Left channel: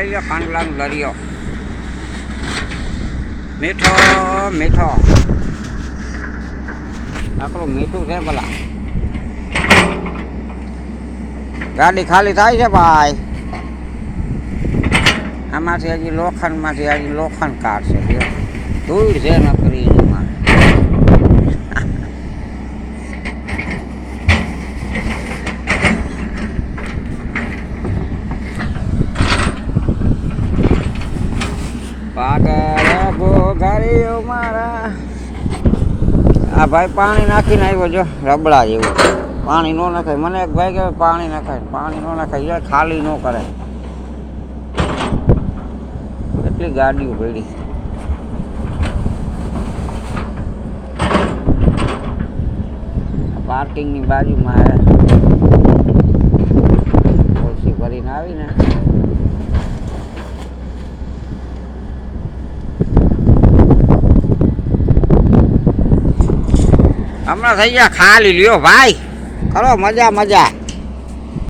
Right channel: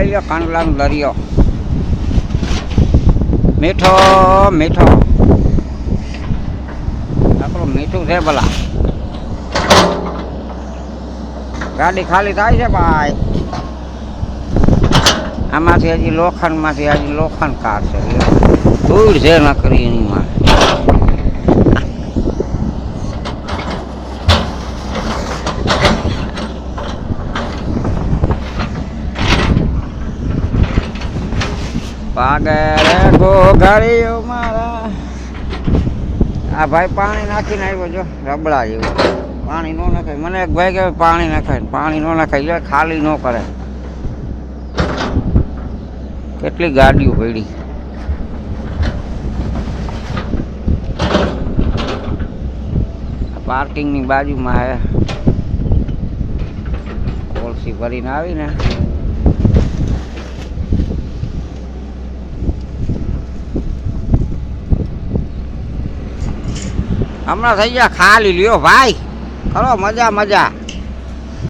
લઈ લો કાંડલાનો દરિયો મીઠો મીઠો આપણું મીઠું છે ભલા ગાડી ખાલી થાય છે ભાઈ આમાંથી હજી લોખંડ કાઢશે ધૂળ છે ન કરી એમાં પાગળ ગોગળીઓ મારા આ ભાઈ પાણી નાખીને આવ્યો જો રબડા જેવું પાણી ન નાખાય મને એક ભાઈ કે પાણી નાખાય પાણી ન નાખાય ખાલી ન કરે કેટલી ગાડીઓ પડી પાર્કિંગની બાજુમાં કોલસી ભરીને આવીને હમણાં થઈ ગયા ખાલી લ્યો ભાઈ કરો મજા